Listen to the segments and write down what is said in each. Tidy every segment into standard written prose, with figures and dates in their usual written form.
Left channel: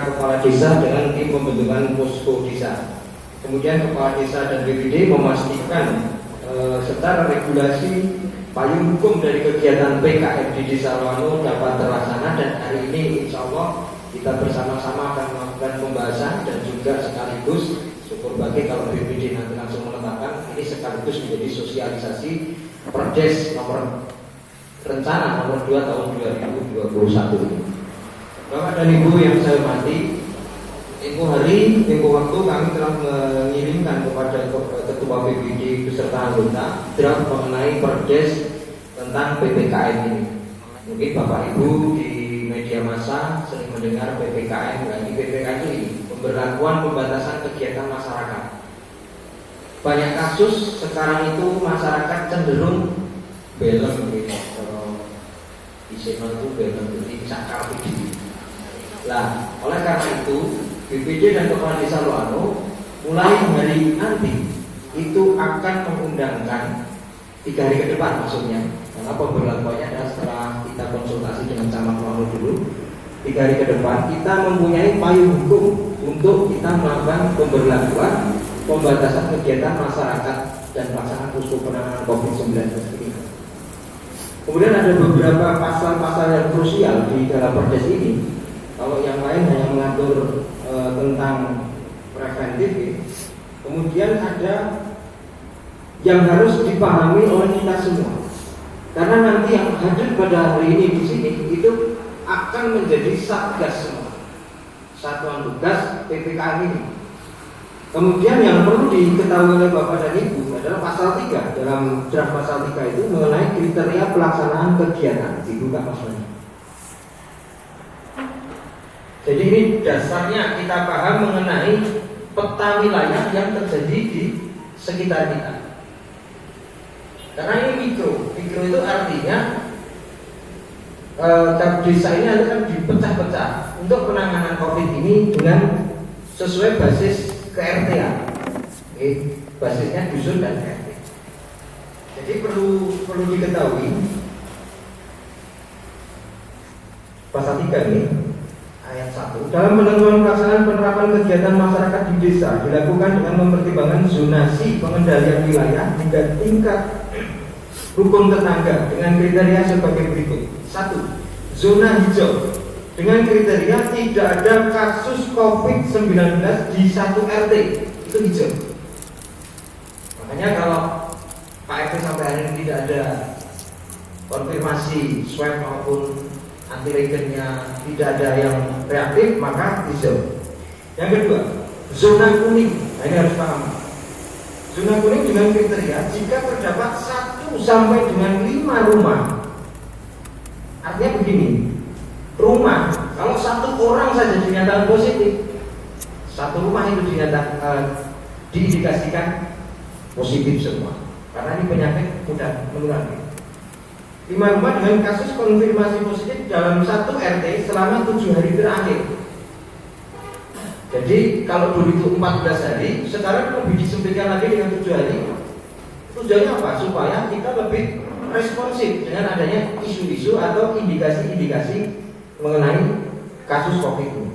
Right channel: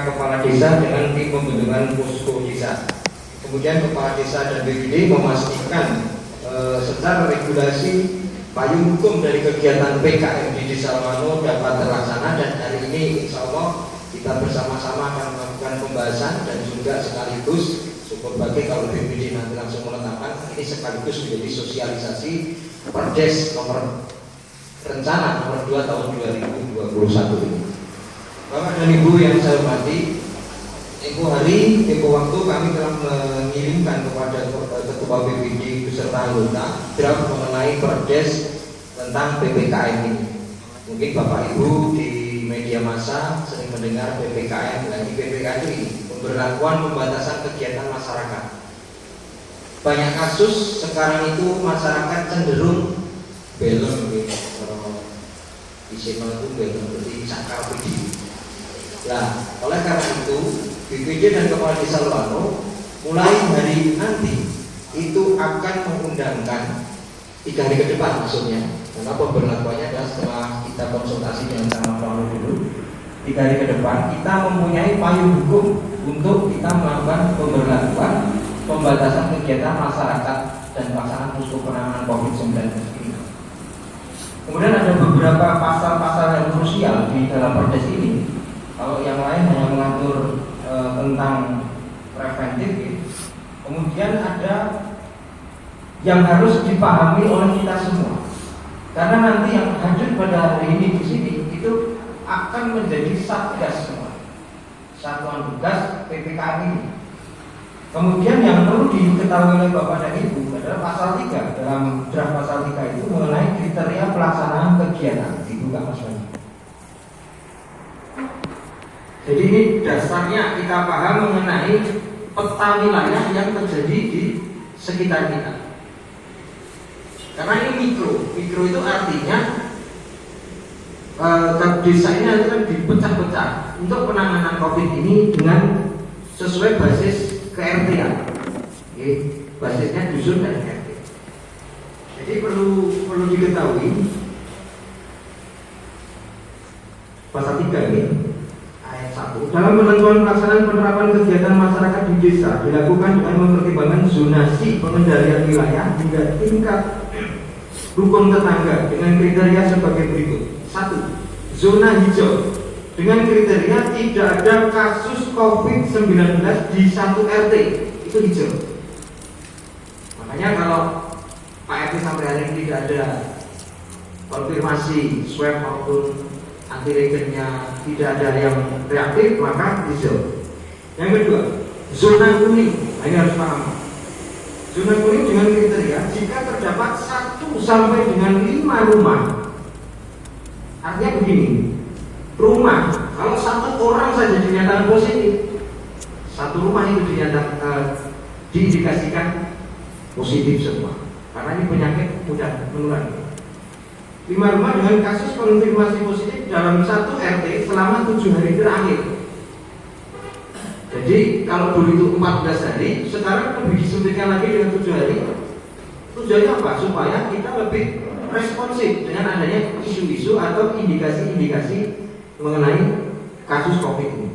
kepala desa dengan tim pembentukan posko desa. Kemudian kepala desa dan BPD memastikan secara regulasi payung hukum dari kegiatan PKM di Desa Almano dapat terlaksana, dan hari ini insya Allah kita bersama-sama akan melakukan pembahasan dan juga sekaligus syukur bagi kalau BPD nanti langsung menetapkan ini sekaligus menjadi sosialisasi Perdes nomor rencana nomor 2 tahun 2021 ini. Bapak dan Ibu yang saya hormati, tempo waktu kami telah mengirimkan kepada Ketua BPD beserta anggota draft mengenai Perdes tentang PPKM ini. Mungkin Bapak Ibu di media massa sering mendengar PPKM. Nah, di PPKM ini pemberlakuan pembatasan kegiatan masyarakat. Banyak kasus sekarang itu masyarakat cenderung belon gitu. Isinya itu belon berarti cakap gitu. Nah, oleh karena itu BPD dan Kepala Desa Almano mulai hari nanti itu akan mengundangkan 3 hari ke depan maksudnya, karena pemberlakuannya adalah setelah kita konsultasi dengan sama Almano dulu. 3 hari ke depan kita mempunyai payung hukum untuk kita melakukan pemberlakuan pembatasan kegiatan masyarakat dan pelaksanaan posko penanganan COVID-19 ini. Kemudian ada beberapa pasal-pasal yang krusial di dalam Perdes ini. Kalau yang lain hanya mengatur tentang preventif, ya. Kemudian ada yang harus dipahami oleh kita semua. Karena nanti yang hadir pada hari ini di sini itu akan menjadi satgas semua, satuan tugas PPKM ini. Kemudian yang perlu diketahui oleh Bapak dan Ibu adalah pasal 3. Dalam draft pasal 3 itu mengenai kriteria pelaksanaan kegiatan. Dibuka maksudnya. Jadi ini dasarnya kita paham mengenai peta wilayah yang terjadi di sekitar kita. Karena ini mikro itu artinya desa ini akan dipecah-pecah untuk penanganan COVID ini dengan sesuai basis KRT-an, basisnya dusun dan KRT. Jadi perlu diketahui pasal 3 ini ayat 1. Dalam penentuan pelaksanaan penerapan kegiatan masyarakat di desa dilakukan dengan mempertimbangkan zonasi pengendalian wilayah hingga tingkat rukun tetangga dengan kriteria sebagai berikut. 1. Zona hijau dengan kriteria tidak ada kasus COVID-19 di satu RT, itu hijau. Makanya kalau Pak RT sampai hari ini tidak ada konfirmasi swab maupun antigennya, tidak ada yang reaktif, maka hijau. Yang kedua, zona kuning. Nah, ini harus paham. Zona kuning dengan kriteria jika terdapat 1 sampai dengan 5 rumah. Artinya begini, rumah, kalau 1 orang saja dinyatakan positif, 1 rumah itu diindikasikan positif semua. Karena ini penyakit mudah menular. 5 rumah dengan kasus konfirmasi positif dalam 1 RT selama 7 hari terakhir. Jadi kalau dulu itu 14 hari, sekarang lebih disempitkan lagi dengan 7 hari. Tujuannya apa? Supaya kita lebih responsif dengan adanya isu-isu atau indikasi-indikasi mengenai kasus COVID ini.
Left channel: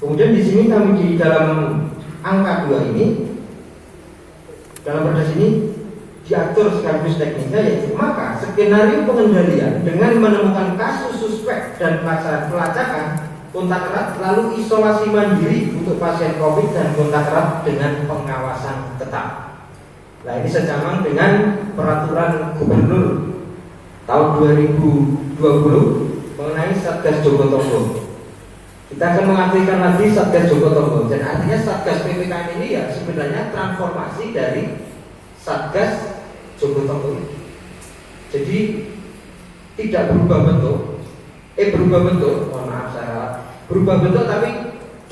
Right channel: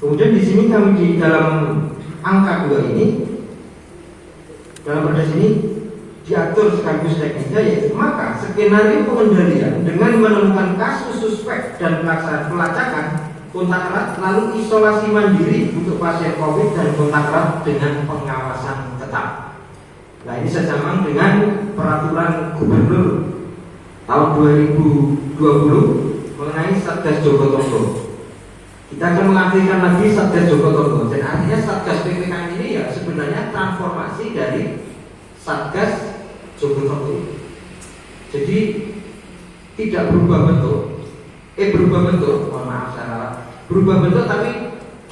Kemudian di sini kami di dalam angka 2 ini, dalam Perdes ini diatur sekaligus teknisnya, yaitu maka skenario pengendalian dengan menemukan kasus suspek dan pelaksanaan pelacakan, kontak erat, lalu isolasi mandiri untuk pasien COVID dan kontak erat dengan pengawasan ketat. Nah, ini sejaman dengan peraturan gubernur tahun 2020 mengenai Satgas Jogotongo. Kita akan mengaktifkan lagi Satgas Jogotongo, dan artinya Satgas PPKM ini ya sebenarnya transformasi dari Satgas Jogotongo. Jadi tidak berubah bentuk, berubah bentuk, tapi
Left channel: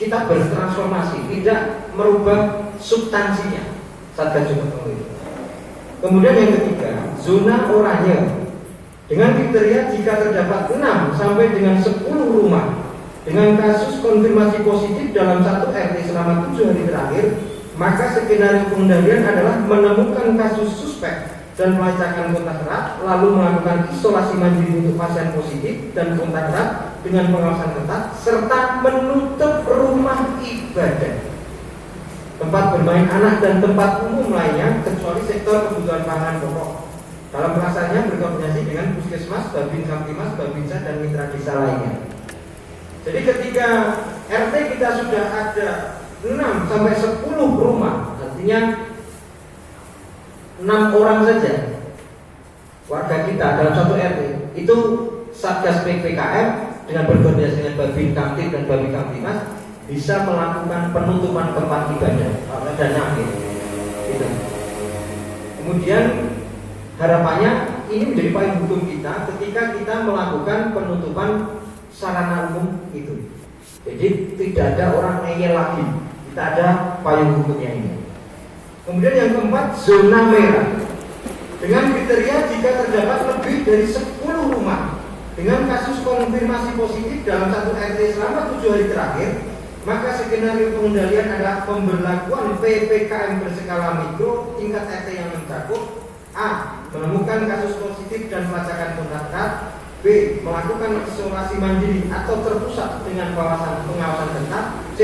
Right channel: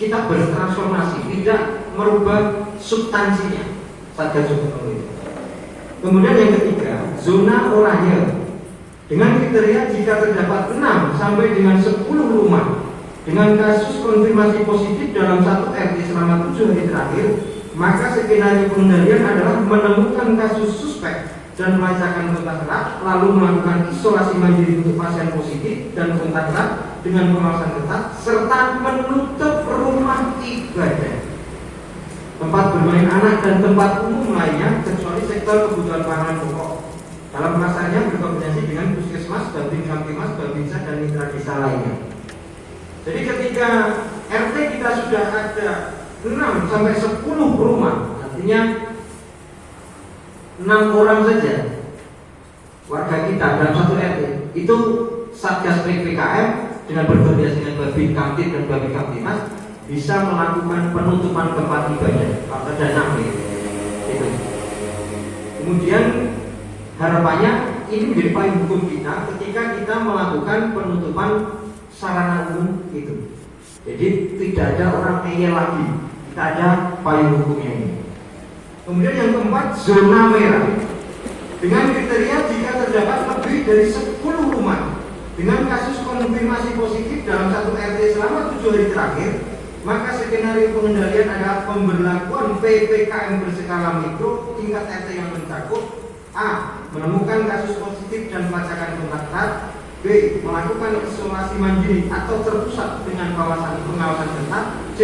kita bertransformasi, tidak merubah substansinya Satgas Jogotongo itu. Kemudian yang ketiga, zona oranye dengan kriteria jika terdapat 6 sampai dengan 10 rumah dengan kasus konfirmasi positif dalam 1 RT selama 7 hari terakhir, maka skenario pengendalian adalah menemukan kasus suspek dan melacakan kontak erat, lalu melakukan isolasi mandiri untuk pasien positif dan kontak erat, dengan pengawasan ketat serta menutup rumah ibadah, tempat bermain anak dan tempat umum lainnya kecuali sektor kebutuhan pangan pokok. Dalam pelaksanaannya berkoordinasi dengan Puskesmas, Babin Kamtimas, Babinsa dan mitra desa lainnya. Jadi ketika RT kita sudah ada 6 sampai 10 rumah, artinya 6 orang saja warga kita dalam satu RT, itu Satgas PPKM dengan berkoordinasi dengan Babin Kamtib dan Babin Kamtimas bisa melakukan penutupan tempat ibadah pada 6 gitu. Kemudian harapannya ini menjadi payung hukum kita ketika kita melakukan penutupan sarana umum itu. Jadi tidak ada orang ngeyel lagi, kita ada payung hukumnya ini. Kemudian yang keempat, zona merah dengan kriteria jika terdapat lebih dari 10 rumah dengan kasus konfirmasi positif dalam satu RT selama 7 hari terakhir, maka skenario pengendalian adalah pemberlakuan PPKM berskala mikro tingkat RT yang mencakup A. Menemukan kasus positif dan melaksanakan kontak erat. B. Melakukan isolasi mandiri atau terpusat dengan pengawasan ketat. C.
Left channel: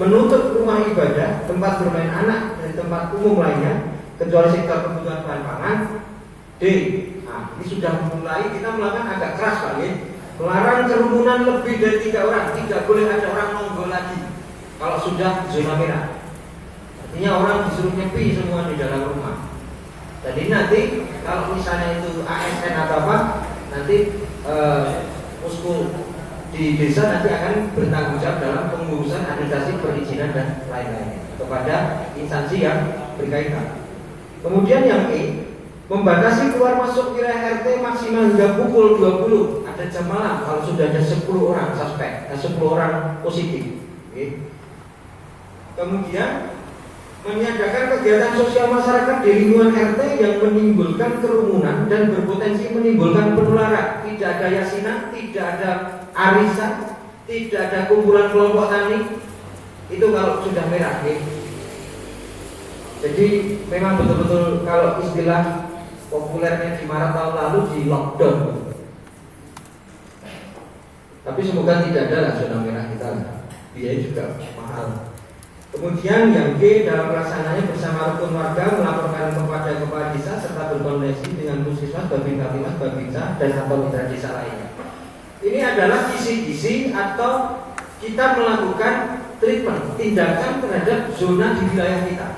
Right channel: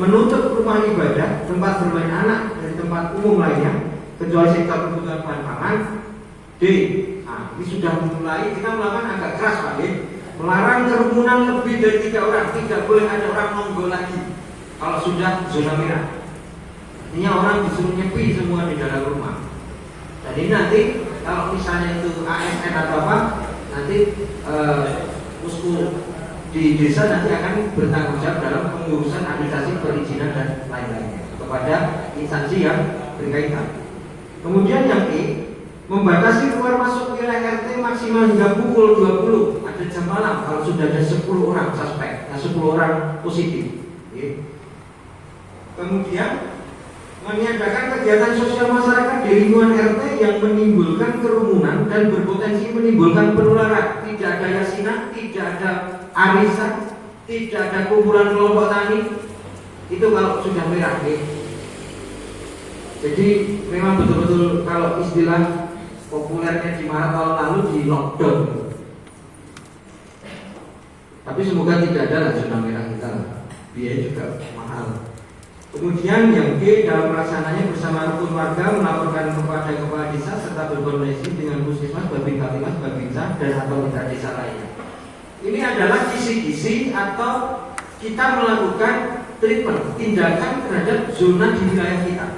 Menutup rumah ibadah, tempat bermain anak dan tempat umum lainnya kecuali sektor kebutuhan bahan pangan. D. Nah, ini sudah mulai kita melakukan agak keras Pak ya. Melarang kerumunan lebih dari 3 orang, tidak boleh ada orang nongol lagi kalau sudah zona merah. Artinya orang disuruh nyepi semua di dalam rumah. Jadi nanti kalau misalnya itu ASN atau apa, nanti posko di desa nanti akan bertanggung jawab dalam pengurusan administrasi perizinan dan lain-lainnya kepada instansi yang berkaitan. Kemudian yang E, membatasi keluar masuk wilayah RT maksimal hingga pukul 20. Ada jam malam kalau sudah ada 10 orang suspek, 10 orang positif. Kemudian meniadakan kegiatan sosial masyarakat di lingkungan RT yang menimbulkan kerumunan dan berpotensi menimbulkan penularan. Tidak ada yasinan, tidak ada arisan, tidak ada kumpulan kelompok tani. Itu kalau sudah merah. Jadi memang betul-betul kalau istilah populernya di Maret tahun lalu di lockdown. Tapi semoga tidak ada lah zona merah kita. Biaya juga mahal. Kemudian yang G, dalam pelaksananya bersama rukun warga melaporkan kepada kepala desa serta berkoordinasi dengan Puskesmas, Babin Kamtimas, Babinsa dan atau mitra desa lainnya. Ini adalah kisi-kisi atau kita melakukan treatment, tindakan terhadap zona di wilayah kita.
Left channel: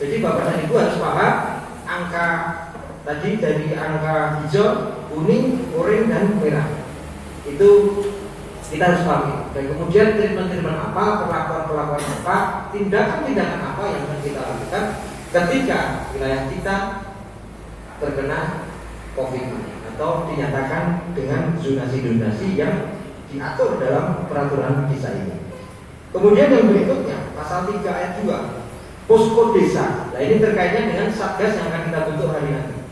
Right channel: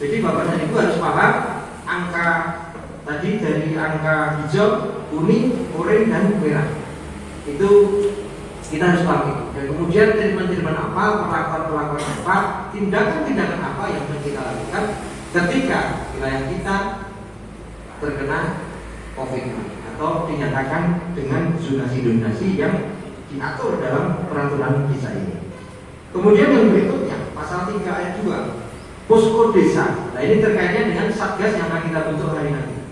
Jadi Bapak dan Ibu harus paham angka tadi dari angka hijau, kuning, oranye dan merah. Itu kita harus pahami. Dan kemudian treatment apa, perlakuan apa, tindakan-tindakan apa yang harus kita lakukan ketika wilayah kita terkena COVID-19 atau dinyatakan dengan zonasi-zonasi yang diatur dalam peraturan desa ini. Kemudian yang berikutnya pasal 3 ayat 2 posko desa. Nah ini terkaitnya dengan satgas yang akan kita bentuk hari nanti.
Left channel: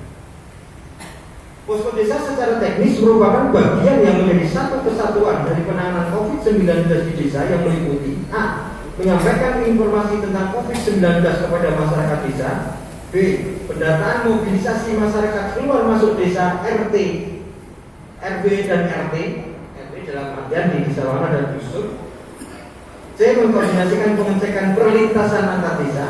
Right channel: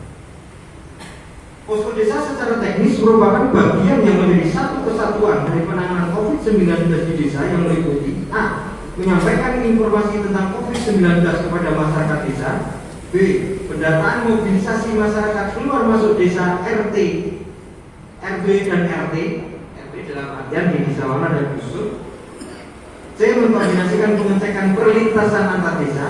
Posko desa secara teknis merupakan bagian yang menjadi satu kesatuan dari penanganan COVID-19 di desa yang meliputi A. Menyampaikan informasi tentang COVID-19 kepada masyarakat desa. B. Pendataan mobilisasi masyarakat keluar masuk desa RT, RW dan RT dalam artian di desa Wana dan Dusun. C. Mengkoordinasikan pengecekan perlintasan antar desa.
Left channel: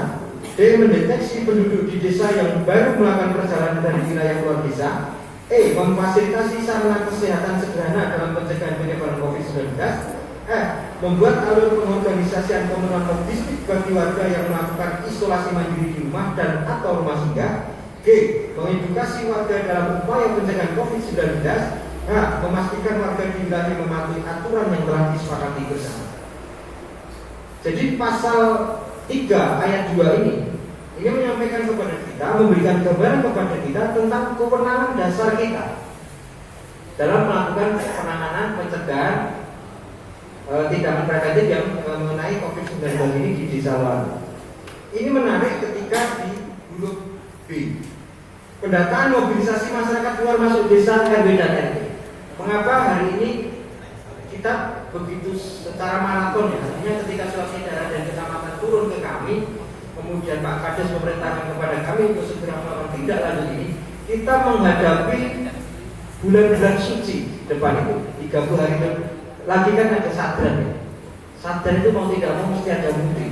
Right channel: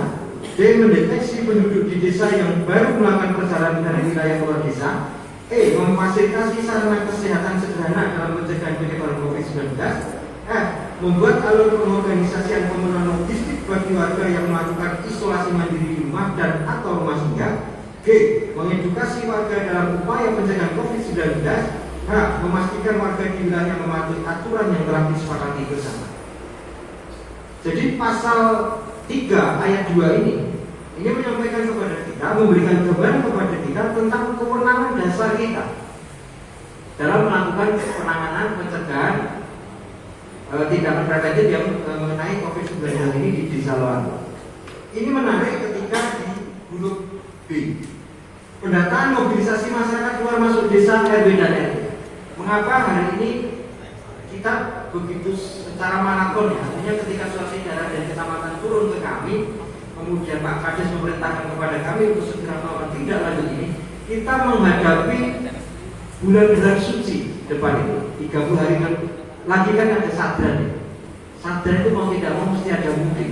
D. Mendeteksi penduduk di desa yang baru melakukan perjalanan dari wilayah luar desa. E. Memfasilitasi sarana kesehatan sederhana dalam pencegahan penyebaran COVID-19. F. Membuat alur pengorganisasian pemenuhan logistik bagi warga yang melakukan isolasi mandiri di rumah dan atau rumah singgah. G. Mengedukasi warga dalam upaya pencegahan COVID-19. H. Memastikan warga di wilayah mematuhi aturan yang telah disepakati bersama. Jadi pasal 3 ayat 2 ini menyampaikan kepada kita, memberikan gambaran kepada kita tentang kewenangan dasar kita dalam melakukan penanganan pencegahan tindakan preventif yang mengenai COVID-19 ini di desa Luar. Ini menarik ketika di huruf B, pendataan mobilisasi masyarakat keluar masuk desa RW dan RT. Mengapa hari ini kita begitu secara maraton ya? Artinya ketika suasana daerah dan kecamatan turun ke kami, kemudian Pak Kades memerintahkan kepada kami untuk segera melakukan tindak lanjut ini, kita menghadapi bulan suci depan itu 30 hari lagi kan ada sadran ya. Sadran itu mau tidak mau mesti ada mudik.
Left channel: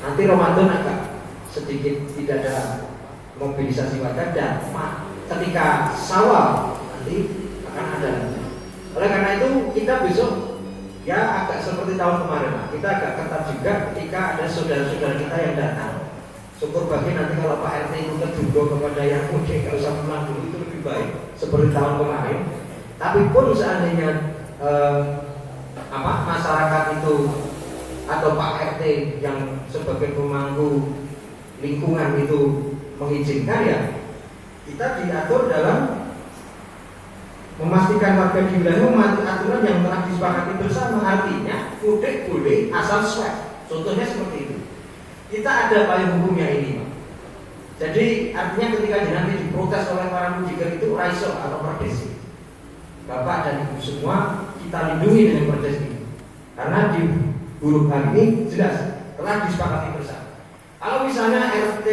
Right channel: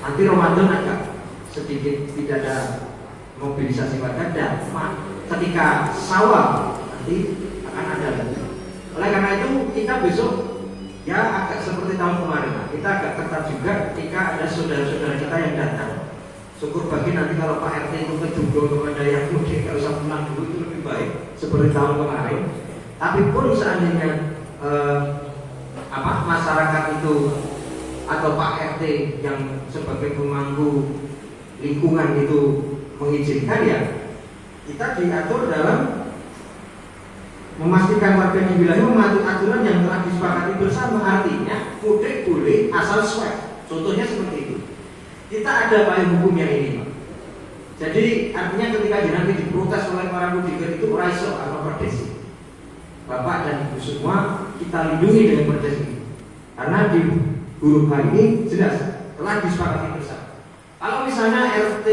Nanti Ramadan agak sedikit tidak ada mobilisasi pada dan ketika Syawal nanti akan ada. Oleh karena itu kita besok ya agak seperti tahun kemarin lah. Kita agak ketat juga ketika ada saudara-saudara kita yang datang. Syukur bagi nanti kalau Pak RT itu terjubah kepada yang mudik kalau usah pulang dulu itu lebih baik seperti tahun kemarin. Tapi pun seandainya masyarakat itu atau Pak RT yang sebagai pemangku lingkungan itu mengizinkan ya kita diatur dalam memastikan warga di wilayah mematuhi aturan yang telah disepakati bersama. Artinya mudik boleh asal swab. Contohnya seperti itu. Kita ada payung hukumnya ini. Jadi artinya ketika nanti diprotes oleh para mudiker itu raiso atau perdesi. Bapak dan Ibu semua kita lindungi dengan perdes ini. Karena di huruf hari ini jelas telah disepakati bersama. Kalau misalnya RT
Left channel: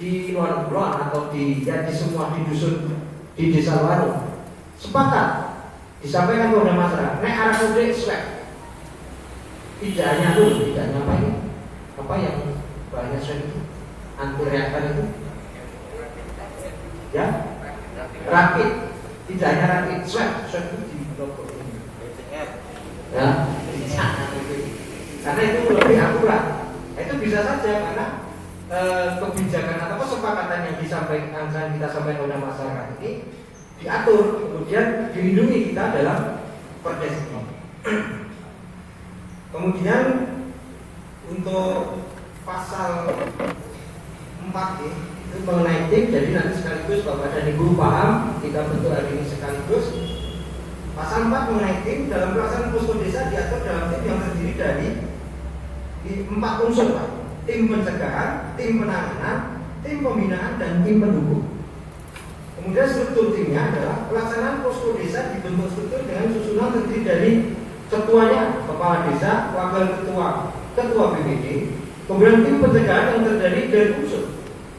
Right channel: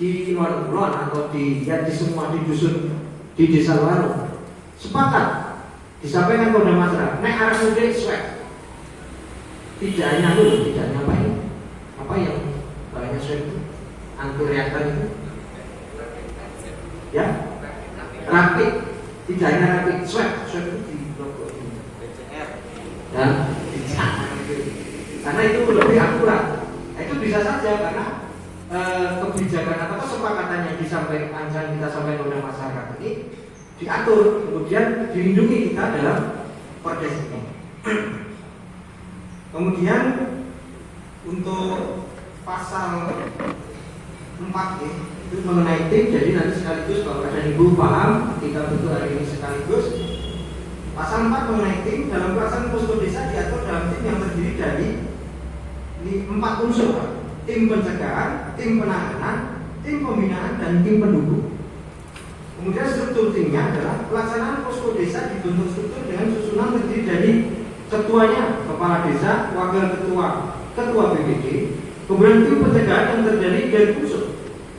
di luar kulon atau di semua di dusun di desa Wano sepakat disampaikan kepada masyarakat, nek arah mudik swab. Tidak hanya apa yang banyak swab itu anti reaktan itu, ya rapid, tidak hanya rapid swab itu di ya, karena itu lebih akurat. Itu bisa saja karena kebijakan atau kesepakatan yang disampaikan kita sampaikan oleh masyarakat ini diatur, kemudian dilindungi kita dalam perdes ini. Kemudian untuk pasal 4 itu mengenai tim, jadi nanti sekaligus Bapak dan Ibu paham kita bentuk hari ini sekaligus. Pasal 4 mengenai tim, dalam pelaksanaan posko desa diatur dalam tim yang terdiri dari 4 unsur, tim pencegahan, tim penanganan, tim pembinaan, dan tim pendukung. Kemudian struktur timnya adalah pelaksanaan posko desa dibentuk struktur dengan susunan terdiri dari ketuanya, kepala desa, wakil ketua BPD. Kemudian tim pencegahan yang terdiri dari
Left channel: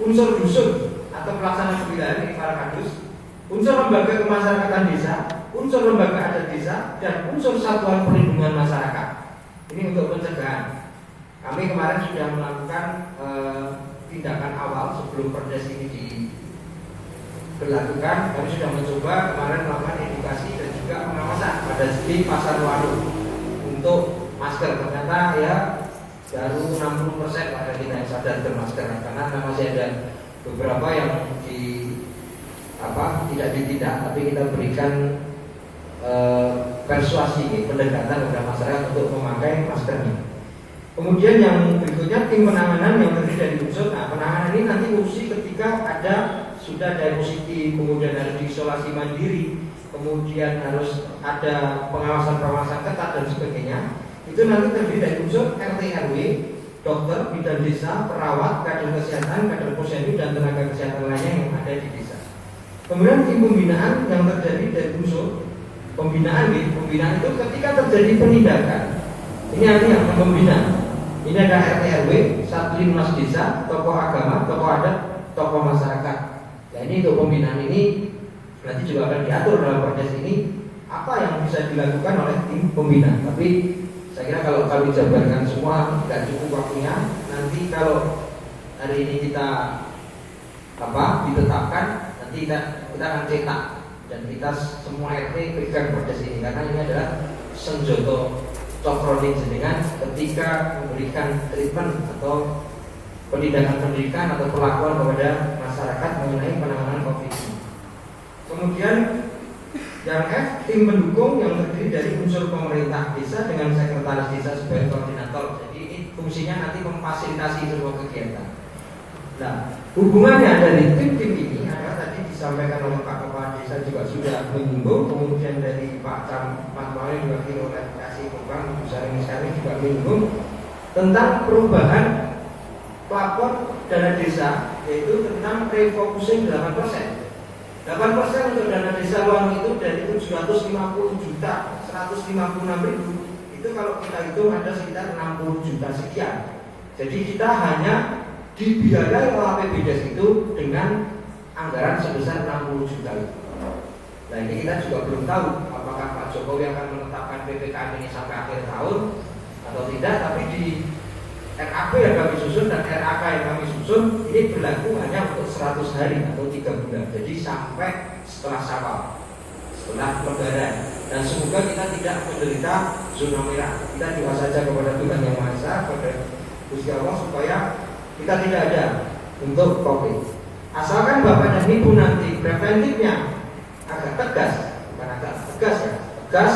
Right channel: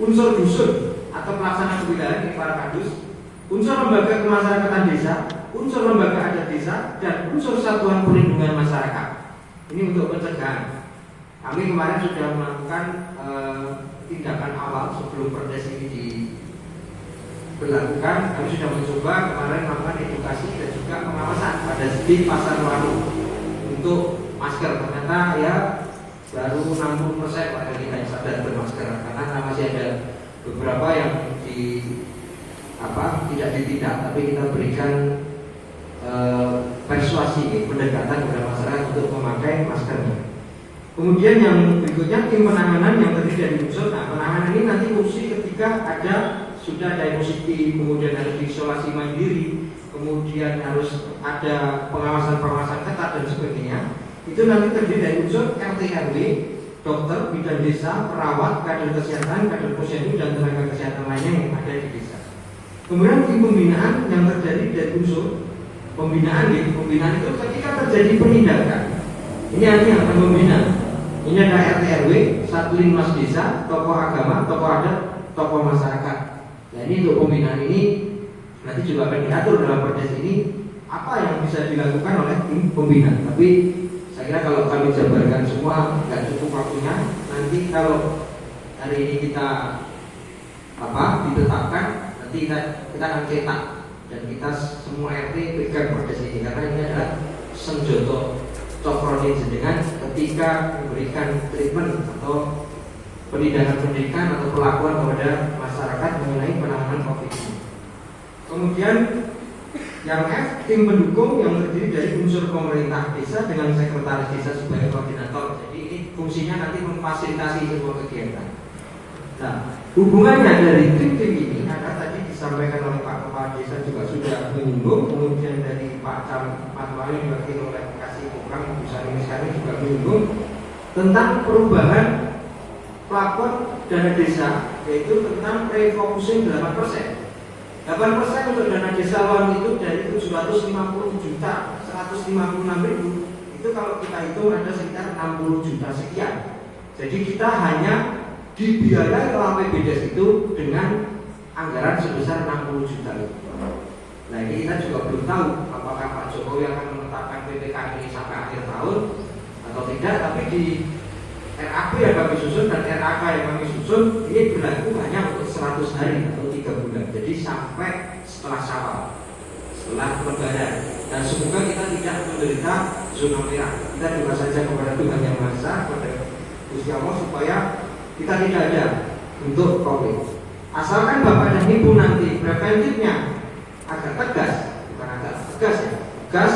unsur dusun atau pelaksana kewilayahan ini para kadus, unsur lembaga kemasyarakatan desa, unsur lembaga adat desa, dan unsur satuan perlindungan masyarakat. Ini untuk pencegahan. Kami kemarin sudah melakukan tindakan awal sebelum perdes ini diberlakukan. Kami sudah mencoba kemarin melakukan edukasi dan juga pengawasan pada di pasar Wanu untuk masker. Ternyata ya baru 60% warga kita yang sadar untuk masker, karena masih ada beberapa yang tidak ditindak, tapi kita berikan persuasi, pendekatan kepada masyarakat untuk memakai maskernya. Kemudian yang berikutnya tim penanganan yang terdiri dari unsur. Nah, penanganan ini nanti fungsi ketika sudah ada positif, kemudian harus diisolasi mandiri, kemudian harus ada pengawasan ketat dan sebagainya. Itu nanti terdiri dari unsur RT RW, dokter, bidan desa, perawat, kader kesehatan, kader posyandu, dan tenaga kesehatan lainnya yang ada di desa. Kemudian tim pembinaan yang terdiri dari unsur pembinaan itu ketika terjadi penindakan. Ini artinya pembina. Ini ada RT RW, satu linmas desa, tokoh agama, tokoh adat, tokoh masyarakat. Nah, ini untuk pembinaan ini nanti juga akan diatur dalam proses ini apa yang bisa dilakukan oleh tim pembina. Tapi saya kira kalau kami jabarkan semua tidak cukup waktunya. Nanti kalau hari ini kita ditetapkan, nanti kita akan cetak dan kita semua RT pegang proses ini, karena ini adalah senjoto cokronin dengan ketika memberikan treatment atau pendidikan atau perlakuan kepada masyarakat mengenai penanganan COVID ini. Kemudian yang F, tim pendukung yang terdiri dari unsur pemerintah desa dengan sekretaris desa sebagai koordinator. Jadi ini fungsinya nanti memfasilitasi semua kegiatan. Nah, hubungannya dari tim-tim ini ada tadi disampaikan oleh Pak Kepala Desa juga sudah menyinggung, kemudian dari Pak Wali juga oleh kasih program besar ini juga menyinggung tentang perubahan plafon dana desa, yaitu tentang refocusing 8%. 8% untuk dana desa luar itu dari 750 juta 156 ribu, itu kalau kita hitung ada sekitar 60 juta sekian. Jadi kita hanya dibiayai oleh APBD itu dengan anggaran sebesar 60 juta itu. Nah, ini kita juga belum tahu apakah Pak Jokowi akan menetapkan PPKM ini sampai akhir tahun atau tidak, tapi di RAP yang kami susun dan RAK yang kami susun ini berlaku hanya untuk 100 hari atau 3 bulan. Jadi sampai setelah Syawal, setelah Lebaran. Dan semoga kita tidak menderita zona merah. Kita doa saja kepada Tuhan Yang Maha Esa, kepada Gusti Allah supaya kita tidak ada untuk COVID. Asalkan Bapak dan Ibu nanti preventifnya agak tegas, bukan agak tegas ya, tegas